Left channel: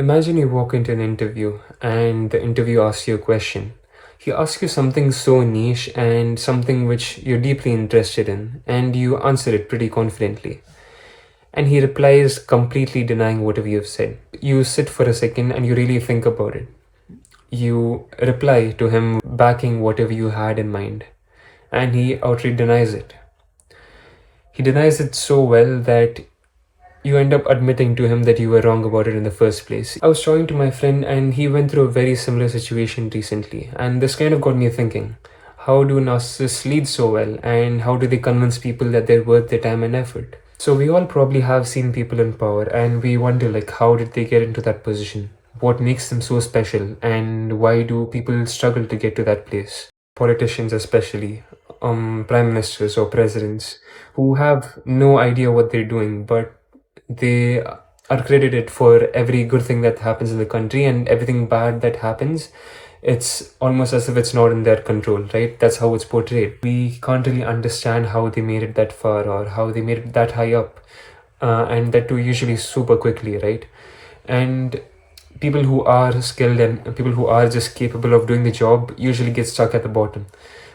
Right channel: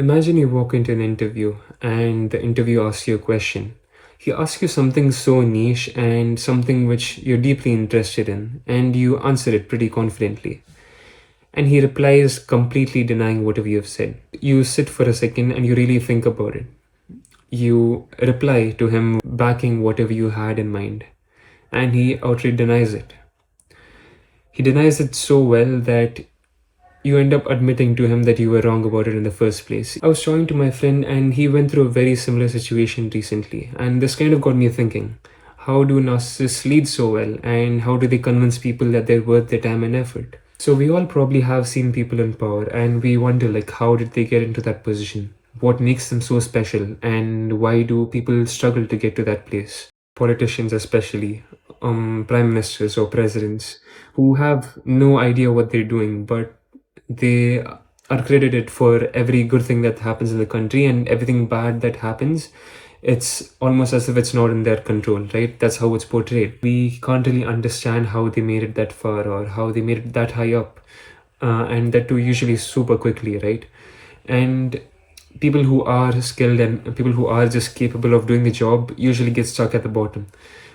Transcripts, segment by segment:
Imagine you walk into an interview and the interviewer asks you a question. He asks you something so niche and something which you're deeply interested in, and you answer it pretty confidently. And he replies completely denying whatever you've said. You sit for a second and you really think about it. You reply to him backing whatever you had in mind, and he outright denies it. He denies it so well that you end up admitting to him that you were wrong about it in the first place. I was talking to my friend and he went through a very similar situation recently, and this kind of got me thinking, how do narcissists lead so well, and how do they convince people that they're worth their time and effort? So we all probably have seen people in power and we wonder, like, how did they get into that position? What makes them so special, and why do people struggle to get to that place? Politicians especially, prime ministers or presidents who have no idea what they're doing, but they are credited for every good thing that happens in the country, and everything bad that happens, it's almost as if it's not in their control, right? That's how it's portrayed. We can't really understand how they made it that far or how they made it that high up, and that too usually super quickly, right? And people who are skilled and people who are just capable of doing the job usually get stuck at the bottom.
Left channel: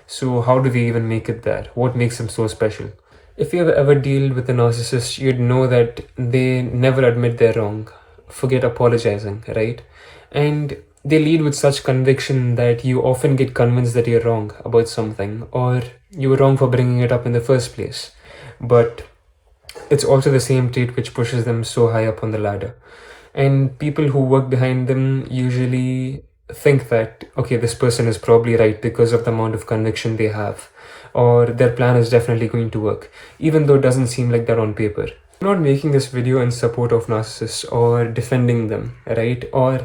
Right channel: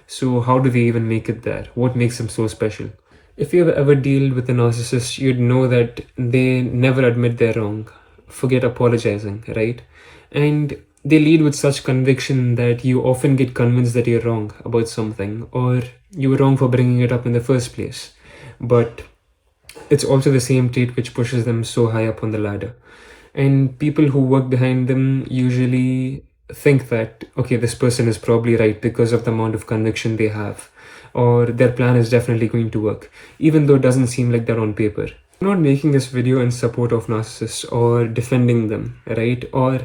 So how do they even make it there? What makes them so special? If you've ever dealt with a narcissist, you'd know that they never admit they're wrong, forget apologizing, right? And they lead with such conviction that you often get convinced that you're wrong about something, or you were wrong for bringing it up in the first place. But it's also the same trait which pushes them so high up on the ladder. And people who work behind them usually think that, okay, this person is probably right because of the amount of conviction they have, or their plan is definitely going to work, even though it doesn't seem like that on paper. I'm not making this video in support of narcissists or defending them, right? Or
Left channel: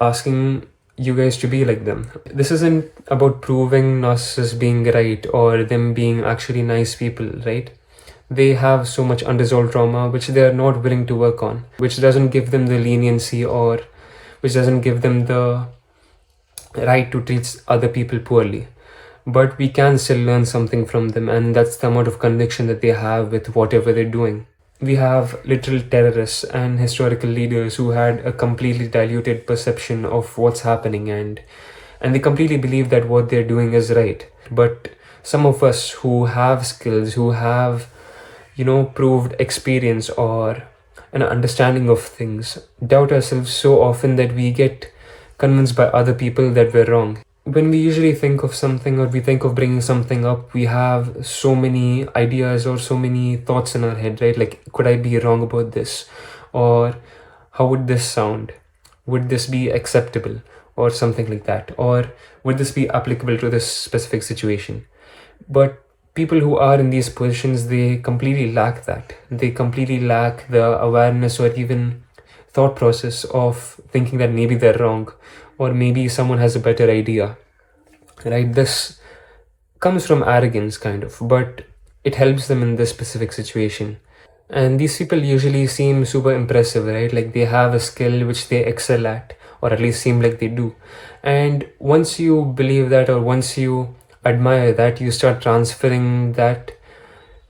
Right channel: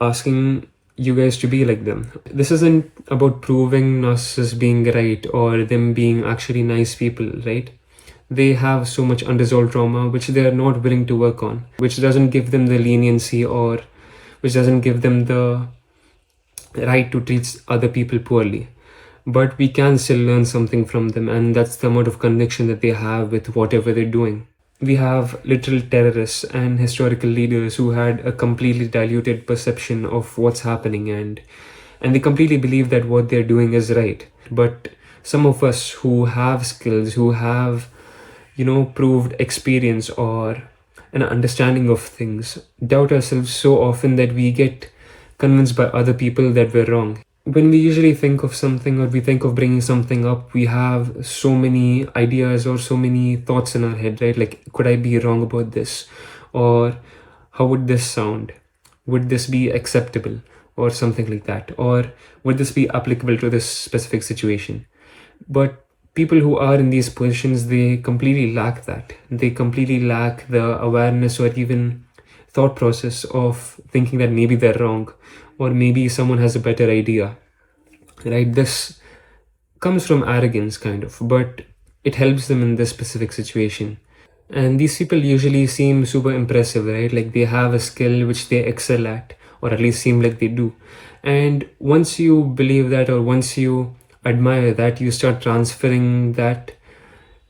asking you guys to be like them. This isn't about proving narcissists being right or them being actually nice people, right? They have so much unresolved trauma which they are not willing to work on, which doesn't give them the leniency, or which doesn't give them the right to treat other people poorly. But we can still learn something from them, and that's the amount of conviction that they have with whatever they're doing. We have literal terrorists and historical leaders who had a completely diluted perception of what's happening, and they completely believe that what they're doing is right. But some of us who have skills, who have, proved experience or an understanding of things, doubt ourselves so often that we get convinced by other people that we're wrong. When we usually think of something, or we think of bringing something up, we have so many ideas or so many thoughts in our head, right? Like, could I be wrong about this? Or how would this sound? Would this be acceptable? Or something like that. Or would this be applicable to this specific situation? But people who are in these positions, they completely lack that. They completely lack the awareness or even thought process of thinking that maybe they're wrong, or maybe someone has a better idea, right? This comes from arrogance, kind of, but it helps them in this specific situation. And these people usually seem super impressive, right? Like they have a skill which they excel at, or at least seem like they do. And once you believe that, or once you admire that, you start transferring that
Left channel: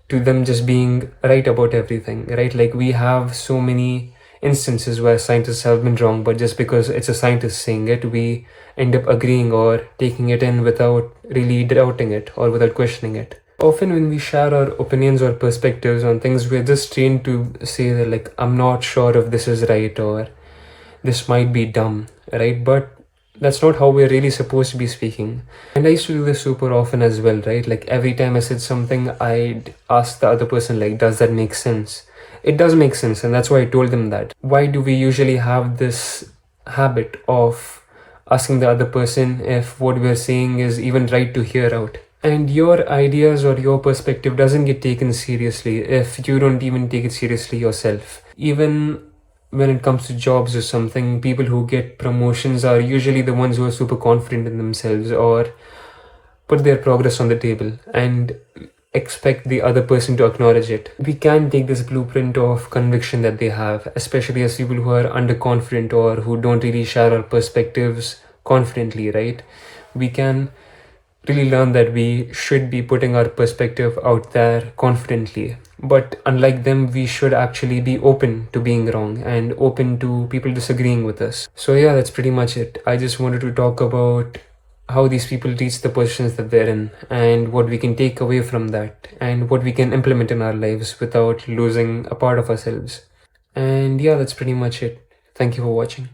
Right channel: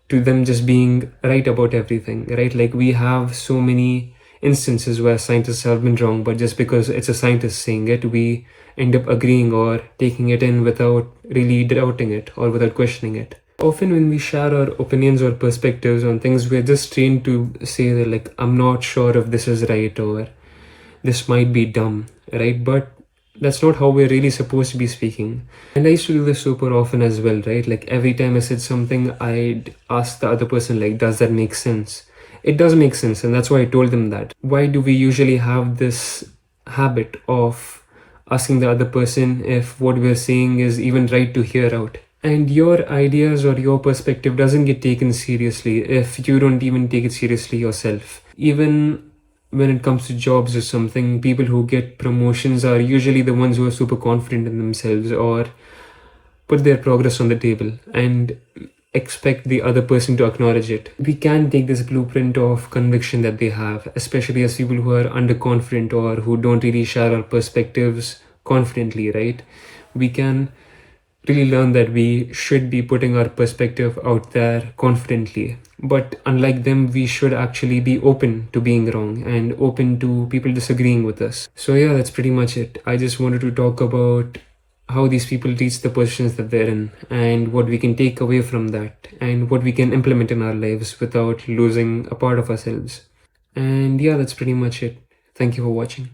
to them just being right about everything, right? Like we have so many instances where scientists have been wrong, but just because it's a scientist saying it, we end up agreeing or taking it in without really doubting it or without questioning it. Often when we share our opinions or perspectives on things, we're just trained to say that, like, I'm not sure if this is right, or this might be dumb, right? But that's not how we're really supposed to be speaking. And I used to do this super often as well, right? Like every time I said something, I'd ask the other person, like, does that make sense? It does make sense, and that's why I told them that. Why do we usually have this habit of asking the other person if what we're saying is even right to hear out? And your ideas or your perspective doesn't get taken seriously if you don't even take it seriously yourself. Even when it comes to jobs or something, people who get promotions are usually the ones who are super confident in themselves or put their progress on the table and expect the other person to acknowledge it. We can take this blueprint of conviction that they have, especially as people who are underconfident or who don't really share our perspectives confidently, right? We can really learned that we should be putting our perspective out there confidently. But unlike them, we should actually be open to being wrong and open to people disagreeing with us. So, yeah, that's pretty much it. I just wanted to talk about how these people reach the positions that they're in and what we can take away from that and what we can implement in our lives without losing a part of ourselves. And yeah, that's pretty much it. Thank you for watching.